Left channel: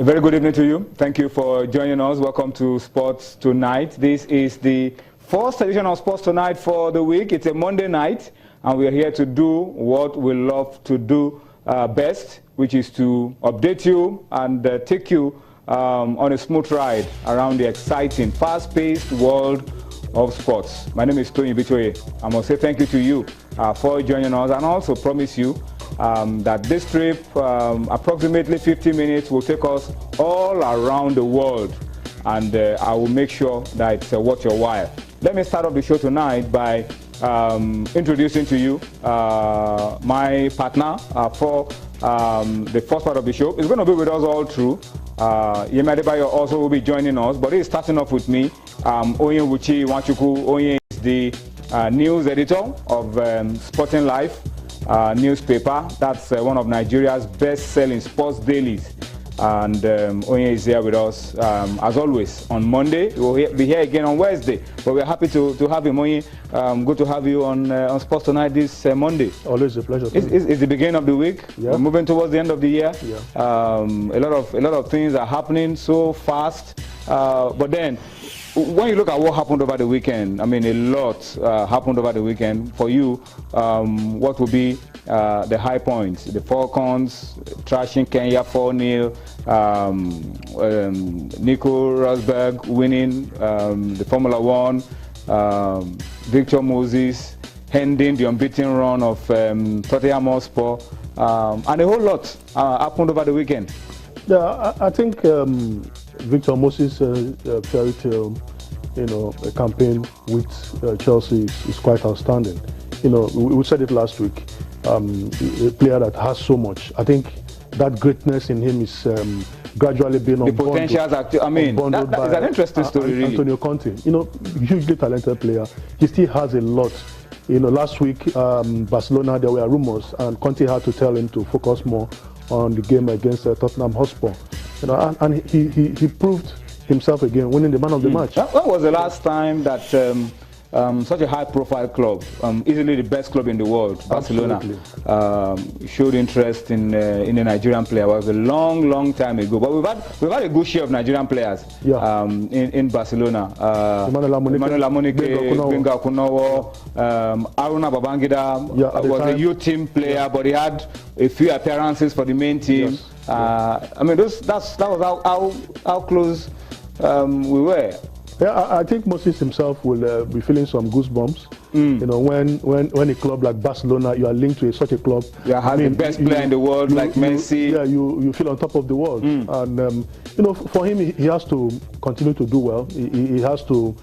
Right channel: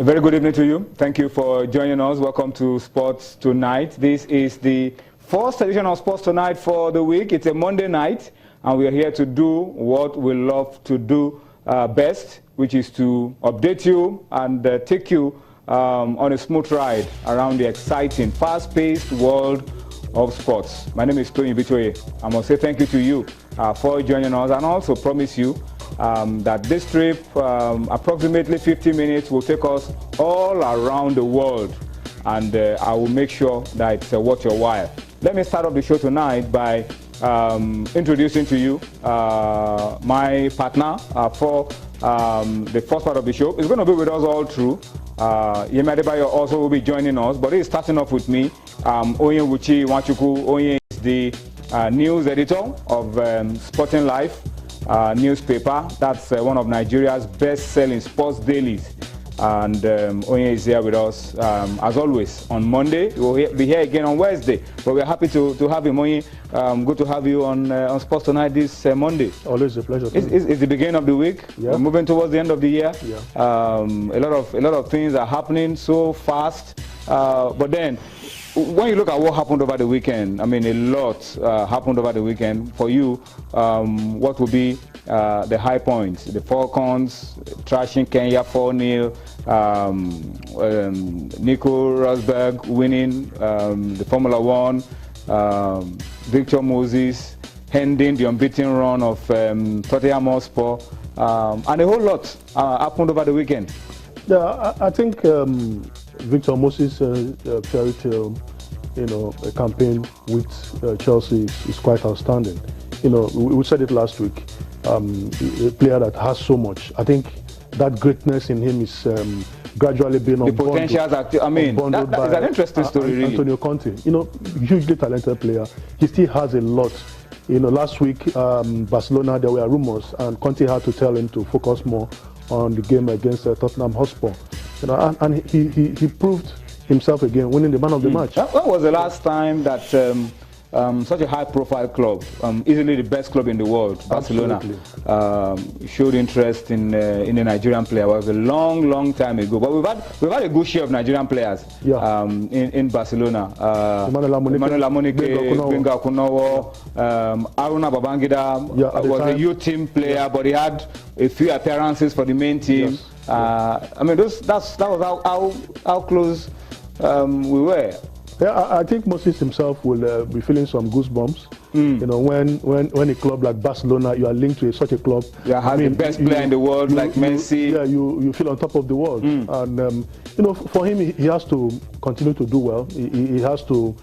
A very good evening to you. Thank you for joining us. Welcome to Sports Tonight. This is the first edition of Sports Tonight for the week. It's a Monday night, and we are here to do what we love to do best, which is to update you and take you on a smooth ride around the exciting, fast-paced world of sports. My name is Tony Bitoye. I must say thank you to you for joining us, and also promise you that this trip, approximately 50 minutes, will take us all around the world, and I will make sure that it's worth your while. Let me start off the show tonight by introducing to you my partner for the first part of the show. He's going to be with us all through. Yemi Adebayo also will be joining us, but he's starting off with me. Onyenwuchi Nwachukwu. Onye is the news editor of Sporting Life newspaper. That's one of Nigeria's best-selling sports dailies. And Onye is here with us, as always, on Monday. We'll be here again on Wednesday. But we're happy to have him, Onye. Good to have you on Sports Tonight this Monday. Always a pleasure. It's the beginning of the week. Yeah. We're moving towards the end of the year. Yeah. A lot of things are happening so fast. But then, when you look at what happened over the weekend, I mean, a lot happened over the weekend. For you, what will be the high points? The Falcons trashing Kenya 4-0, Nico Rosberg winning the Formula One, Victor Moses ending the unbeaten run of Tottenham Hotspur, and a whole lot happened over the weekend. Yeah, I think Victor Moses carried a campaign with Chelsea is quite outstanding. We said it last week. A player that has so much. I think that greatness in him is gradually being the potentials. That is an interesting story. Really. Antonio Conte, hugely talented player. He still has a lot. Last week Barcelona, there were rumors, and Conte had to tell him to focus more on the game against Tottenham Hotspur. And he proved himself again, winning the man of the match. When was the last time that such a high-profile club, easily the best club in the world, Barcelona, showed interest in a Nigerian player? It was a long time ago. But we've had a good share of Nigerian players in Barcelona. Emmanuel Amunike, Gbenga Okunowo, Aruna Babangida was a youth team player, but he had a few appearances for the main team. Yes. I mean, that was how close we were. Yeah, I think Moses himself will be feeling some goosebumps. When a club like Barcelona, you are linked to such a club. Yeah, has the best player in the world like Messi. You feel on top of the world. And for him, he has to continue to do well. He has to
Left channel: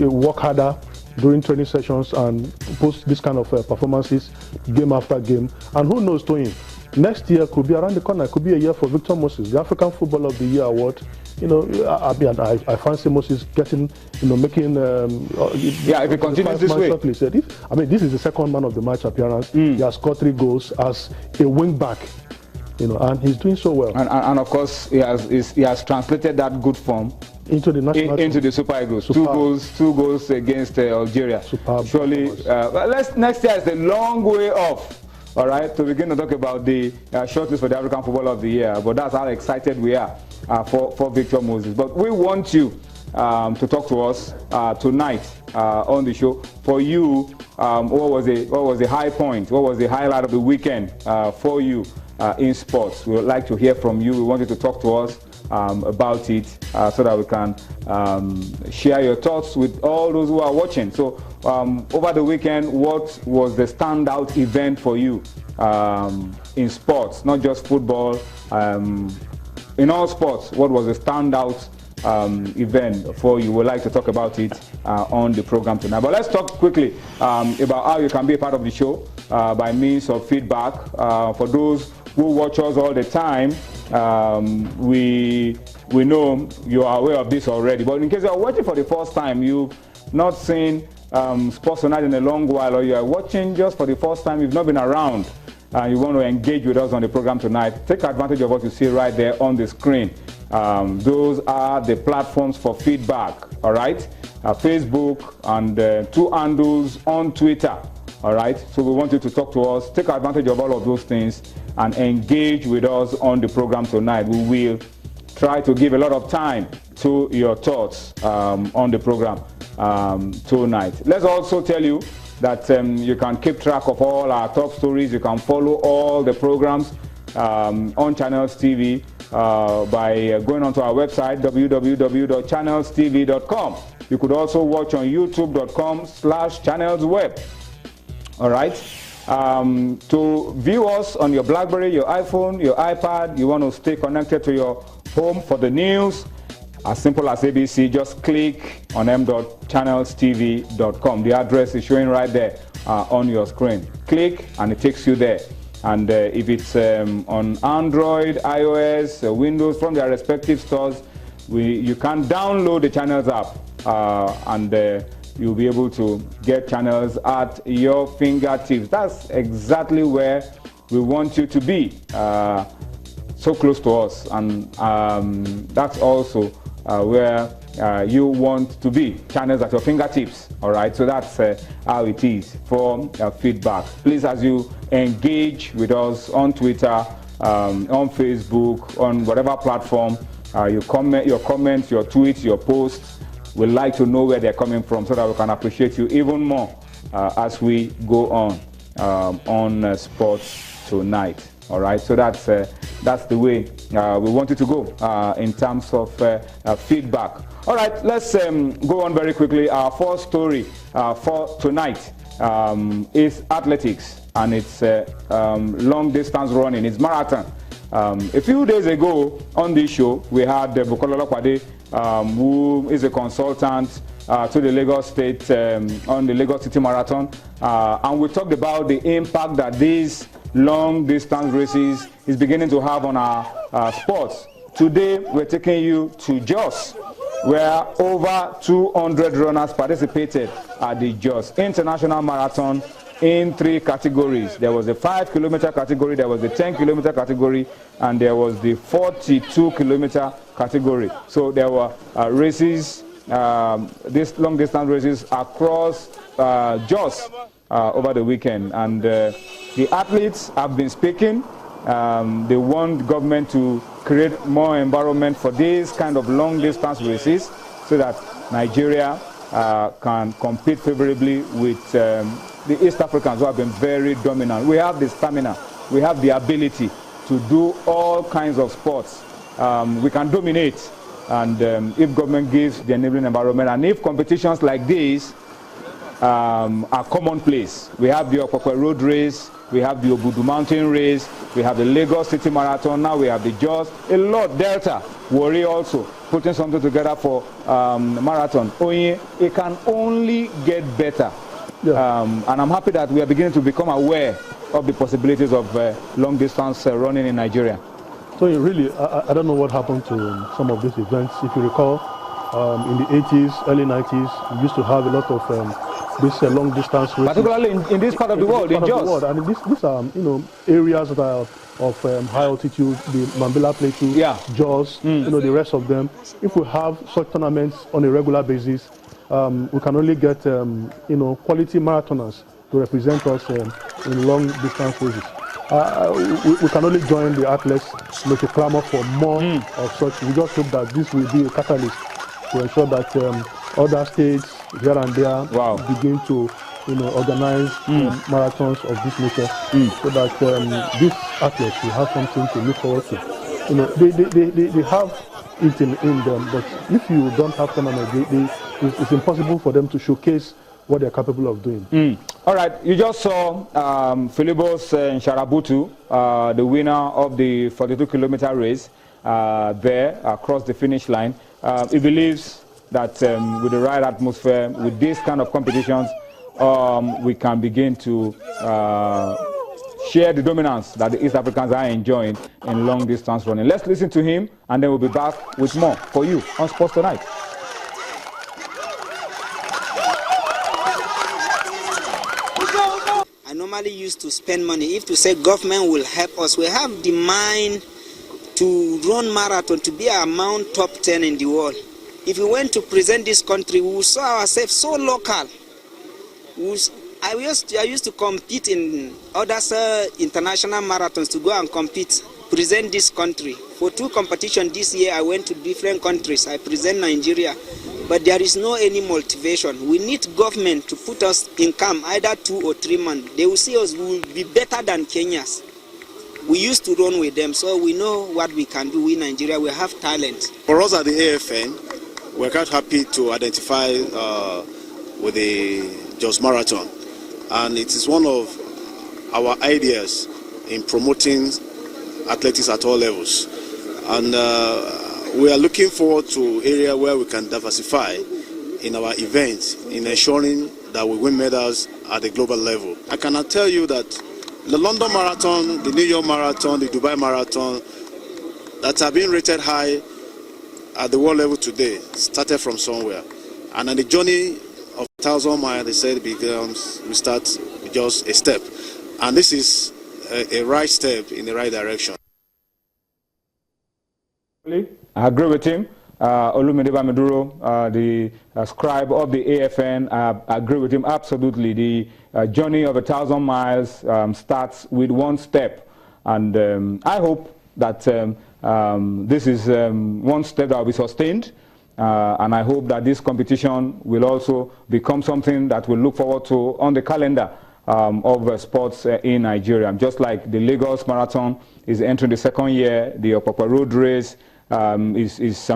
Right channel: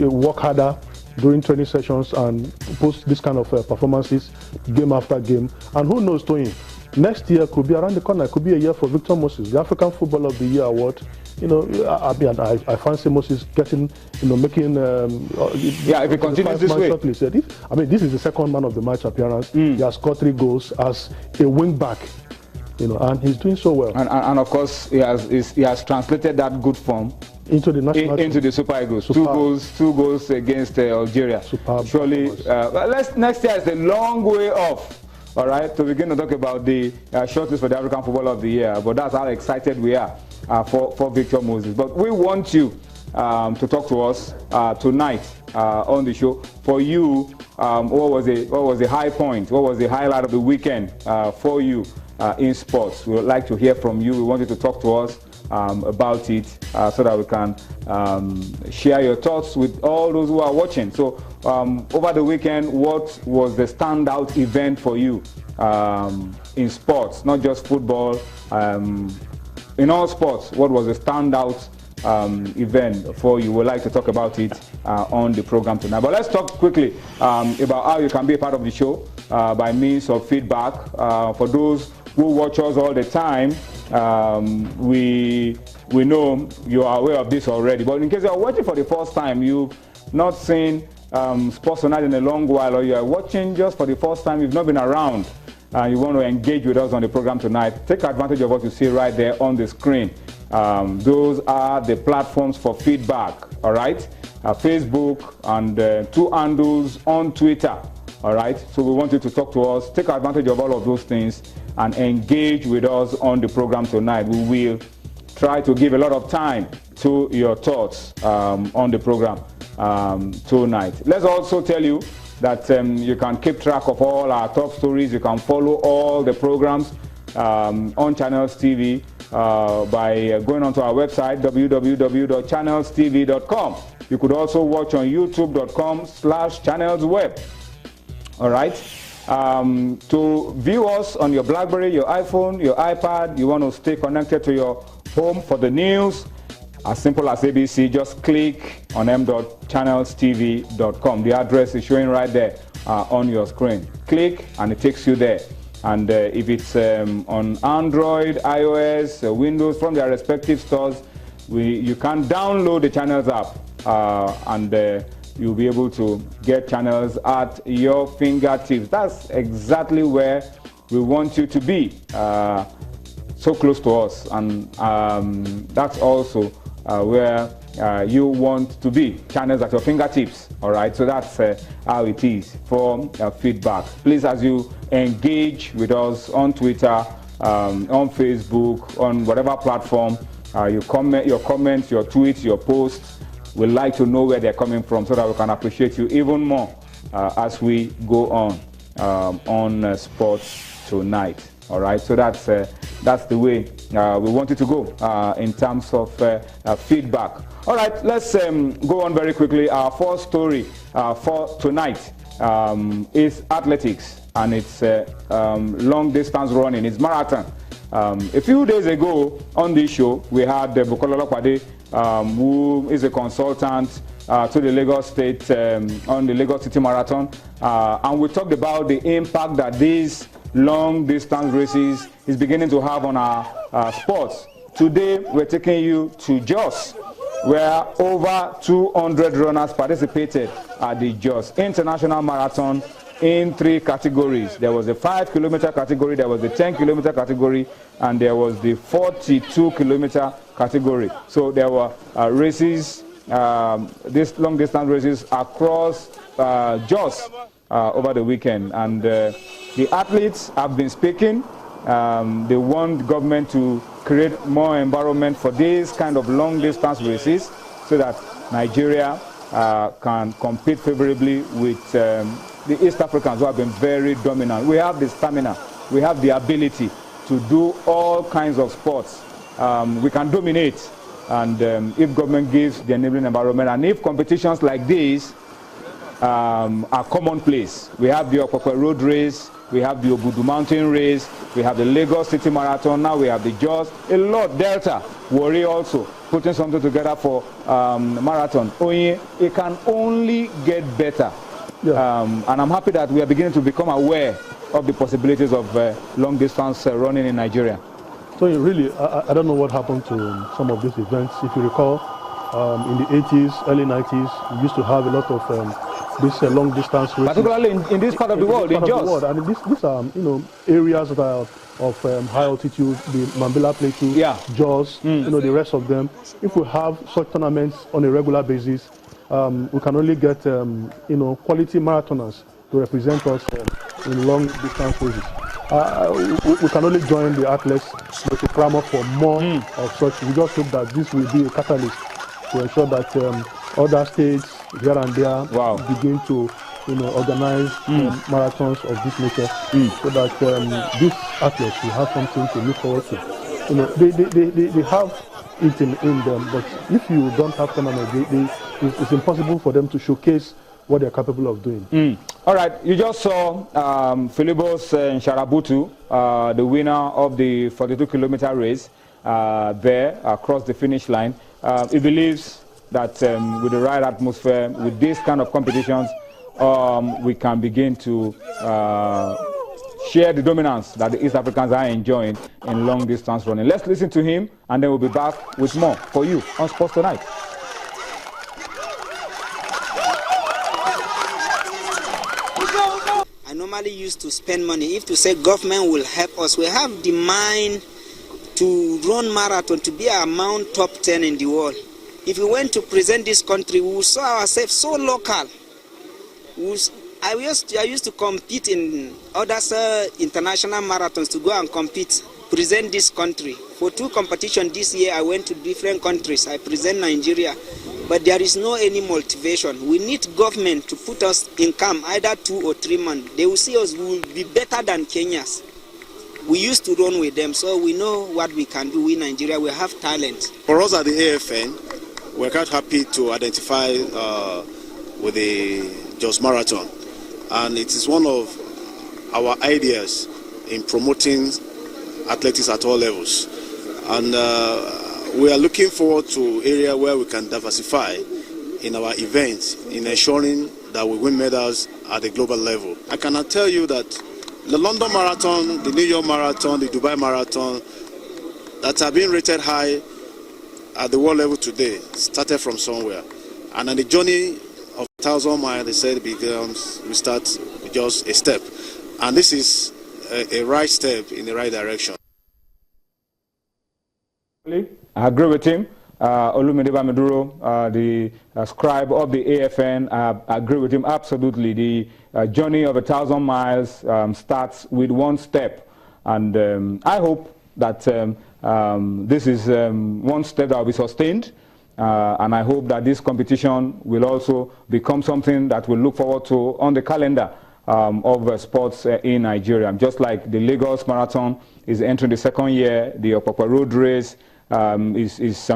work harder during training sessions and post this kind of performances game after game. And who knows, Tony, next year could be around the corner. It could be a year for Victor Moses, the African Footballer of the Year award. I fancy Moses getting, making. If he continues this way. This is the second man of the match appearance. He has scored 3 goals as a wing back, and he's doing so well. And of course, he has translated that good form into the national into the Super Eagles. 2 goals against Algeria. Superb. Surely, next year is a long way off. All right, to begin to talk about the shortlist for the African Footballer of the Year, but that's how excited we are for Victor Moses. But we want you to talk to us tonight on the show. For you, what was the high point? What was the highlight of the weekend for you in sports? We would like to hear from you. We want you to talk to us about it so that we can share your thoughts with all those who are watching. So over the weekend, what was the standout event for you in sports, not just football, in all sports? What was the standout event for you? We'd like to talk about it on the program tonight. But let's talk quickly about how you can be a part of the show by means of feedback. For those who watch us all the time, we know you are aware of this already. But in case you are watching for the first time, you've not seen Sports Tonight in a long while, or you are watching just for the first time, you've not been around, and you want to engage with us on the program tonight, take advantage of what you see right there on the screen. Those are the platforms for feedback, all right? Facebook and 2 handles on Twitter. All right, so we want you to talk to us, take advantage of all of those things, and engage with us on the program tonight. We will try to give a lot of time to your thoughts on the program tonight. Let's also tell you that you can keep track of all our top stories. You can follow all the programs on Channels TV by going onto our website, www.channelstv.com. You could also watch on youtube.com/channelsweb. All right. To view us on your BlackBerry, your iPhone, your iPad, you want to stay connected to your home for the news, as simple as ABC, just click on m.channelstv.com. The address is showing right there on your screen. Click and it takes you there. And if it's on Android, iOS, Windows, from their respective stores, you can download the Channels app and you'll be able to get Channels at your fingertips. That's exactly where we want you to be, so close to us. And that's also where you want to be, Channels at your fingertips. All right, so that's how it is for feedback. Please, as you engage with us on Twitter, on Facebook, on whatever platform, your comments, your tweets, your posts, we'd like to know where they're coming from so that we can appreciate you even more as we go on sports tonight. All right, so that's the way we want it to go in terms of feedback. All right, let's go on very quickly. Our first story for tonight is athletics, and it's long distance running. It's marathon. A few days ago on this show, we had Bukola Olopade, who is a consultant to the Lagos State on the Lagos City Marathon, and we talked about the impact that these long distance races is beginning to have on our sports. Today, we're taking you to Jos, where over 200 runners participated at the Jos International Marathon in 3 categories. There was a 5-kilometer category, there was the 10-kilometer category, and there was the 42-kilometer category. So there were races, these long distance races across Jos over the weekend. And the athletes have been speaking. They want government to create more environment for these kind of long distance races so that Nigeria can compete favorably with the East Africans who have been very dominant. We have the stamina, we have the ability to do all kinds of sports. We can dominate, and if government gives the enabling environment, and if competitions like this are commonplace. We have the Okpokpe Road Race, we have the Obudu Mountain Race, we have the Lagos City Marathon, now we have the Jos, a lot, Delta, Warri also, putting something together for marathon. It can only get better. Yeah. And I'm happy that we are beginning to become aware of the possibilities of long distance running in Nigeria. So really, I don't know what happened to some of these events. If you recall, in the 80s, early 90s, we used to have a lot of this long distance races. Particularly in this part of the world, in Jos. And these are areas that are of high altitude, the Mambila Plateau, yeah. Jos, the rest of them. If we have such tournaments on a regular basis, we can only get quality marathoners to represent us in long distance races. We can only join the athletes to clamor for more of such. We just hope that this will be a catalyst to ensure that other states here and there begin to organize marathons of this nature, so that these athletes will have something to look forward to. They have it in them, but if you don't have tournaments, it's impossible for them to showcase what they're capable of doing. All right, you just saw Philibos Nsharabutu, the winner of the 42-kilometer race, there across the finish line. He believes that with the right atmosphere, with these kind of competitions, we can begin to share the dominance that the East Africans are enjoying in long distance running. Let's listen to him, and then we'll be back with more for you on Sports Tonight. I normally used to spend money. If to say government will help us, we have the mind to run marathon, to be among top 10 in the world. If we went to present this country, we will saw ourselves so local. We will I used to compete in other international marathons to go and compete, present this country. For 2 competitions this year, I went to different countries. I present Nigeria, but there is no any motivation. We need government to put us in camp, either 2 or 3 months. They will see us, we will be better than Kenyans. We used to run with them, so we know what we can do in Nigeria. We have talent. For us at the AFN, we're quite happy to identify with the Jos Marathon. And it is one of our ideas in promoting athletics at all levels. And we are looking forward to area where we can diversify in our events, in ensuring that we win medals at the global level. I cannot tell you that the London Marathon, the New York Marathon, the Dubai Marathon, that are being rated high at the world level today, started from somewhere. And on the journey of 1,000 miles, they said we start with just a step. And this is a right step in the right direction. I agree with him. Olumide Bamiduro, the scribe of the AFN, I agree with him absolutely. The journey of 1,000 miles starts with 1 step. And I hope that this is 1 step that will be sustained. And I hope that this competition will also become something that we'll look forward to on the calendar of sports in Nigeria. Just like the Lagos Marathon is entering the 2nd year, the Opapa Road Race is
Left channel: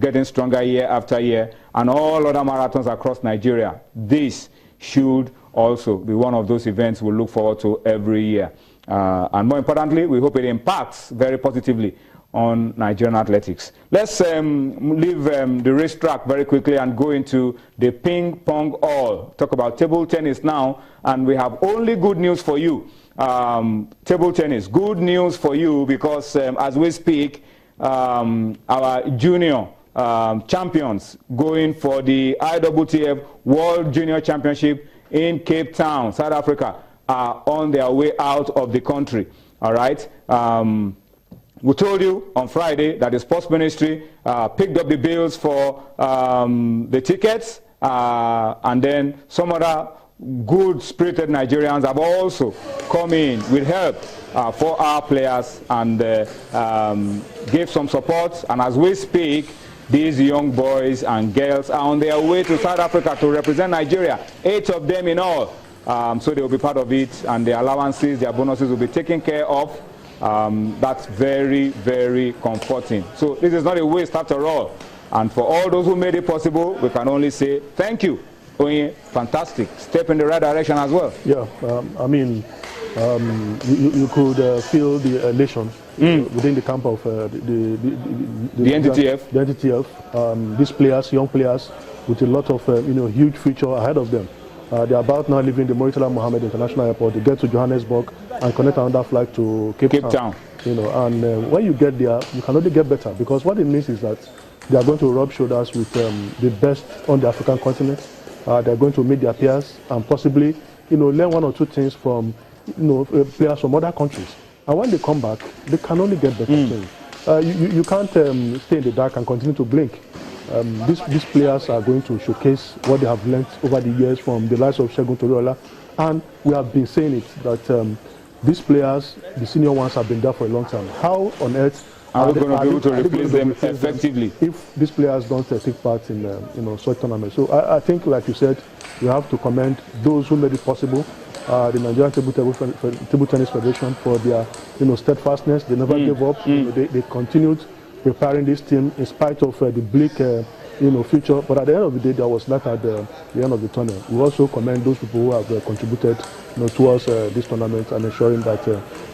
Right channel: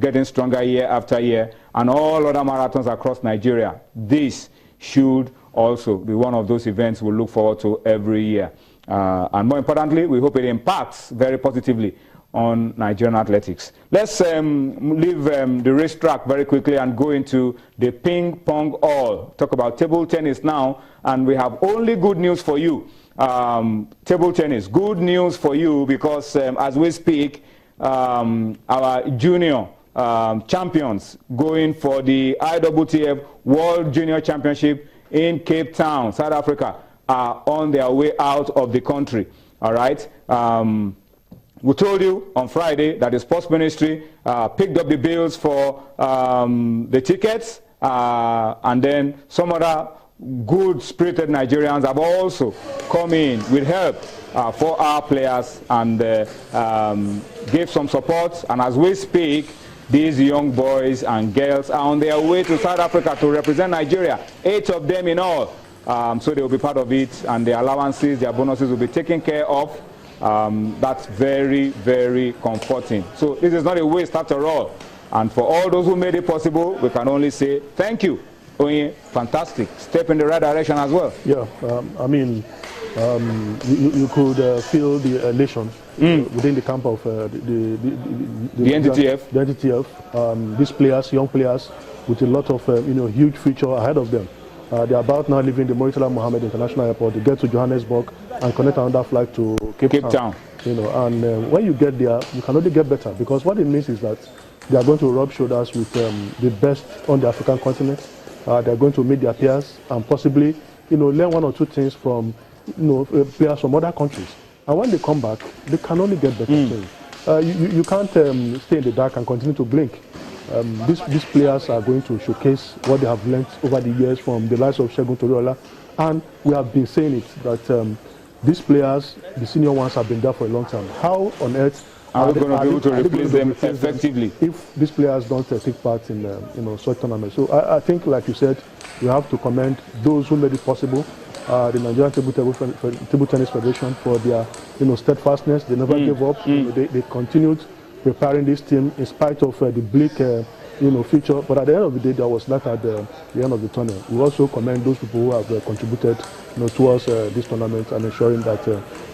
getting stronger year after year, and all other marathons across Nigeria. This should also be one of those events we'll look forward to every year. And more importantly, we hope it impacts very positively on Nigerian athletics. Let's leave the racetrack very quickly and go into the ping pong hall. Talk about table tennis now, and we have only good news for you. Table tennis, good news for you, because as we speak, our junior champions going for the IWTF World Junior Championship in Cape Town, South Africa, are on their way out of the country. All right. We told you on Friday that the Sports Ministry picked up the bills for the tickets, and then some other good-spirited Nigerians have also come in with help for our players and gave some support. And as we speak, these young boys and girls are on their way to South Africa to represent Nigeria, 8 of them in all. So they will be part of it, and their allowances, their bonuses will be taken care of. That's very, very comforting. So this is not a waste after all. And for all those who made it possible, we can only say thank you. Fantastic. Step in the right direction as well. Yeah, you could feel the elation within the camp of the NTTF. The NTTF. These players, young players, with a lot of huge future ahead of them. They're about now leaving the Murtala Mohammed International Airport to get to Johannesburg and connect another flight to Cape Town. And when you get there, you can only get better, because what it means is that they are going to rub shoulders with the best on the African continent. They're going to meet their peers and possibly, learn 1 or 2 things from, players from other countries. And when they come back, they can only get better things. You can't stay in the dark and continue to blink. These players are going to showcase what they have learned over the years from the likes of Segun Toriola. And we have been saying it, that these players, the senior ones, have been there for a long time. How on earth are we going to be able to replace them effectively if these players don't take part in such tournaments? So I think, like you said, we have to commend those who made it possible. The Nigerian Table Tennis Federation for their steadfastness. They never gave up. They continued preparing this team in spite of the bleak future. But at the end of the day, there was light at the end of the tournament. We also commend those people who have contributed towards this tournament and ensuring that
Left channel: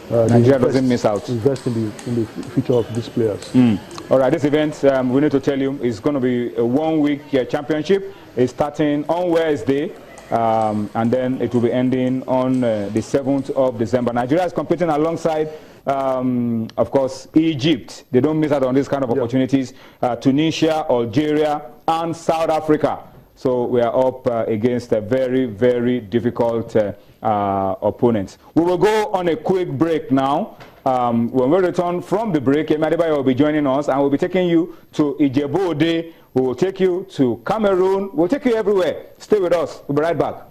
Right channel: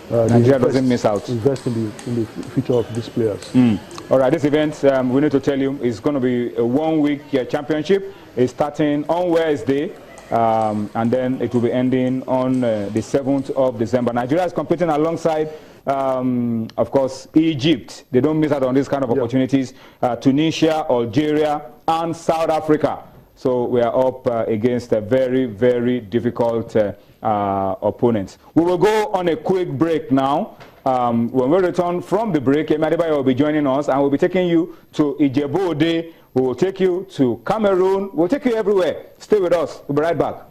Nigeria doesn't miss out. Invest in the future of these players. All right, this event, we need to tell you, is going to be a 1-week championship. It's starting on Wednesday, and then it will be ending on the 7th of December. Nigeria is competing alongside, of course, Egypt. They don't miss out on these kind of opportunities. Tunisia, Algeria, and South Africa. So we are up against a very, very difficult opponents. We will go on a quick break now. When we return from the break, Emadibayo will be joining us, and we'll be taking you to Ijebu Ode. We will take you to Cameroon. We'll take you everywhere. Stay with us. We'll be right back.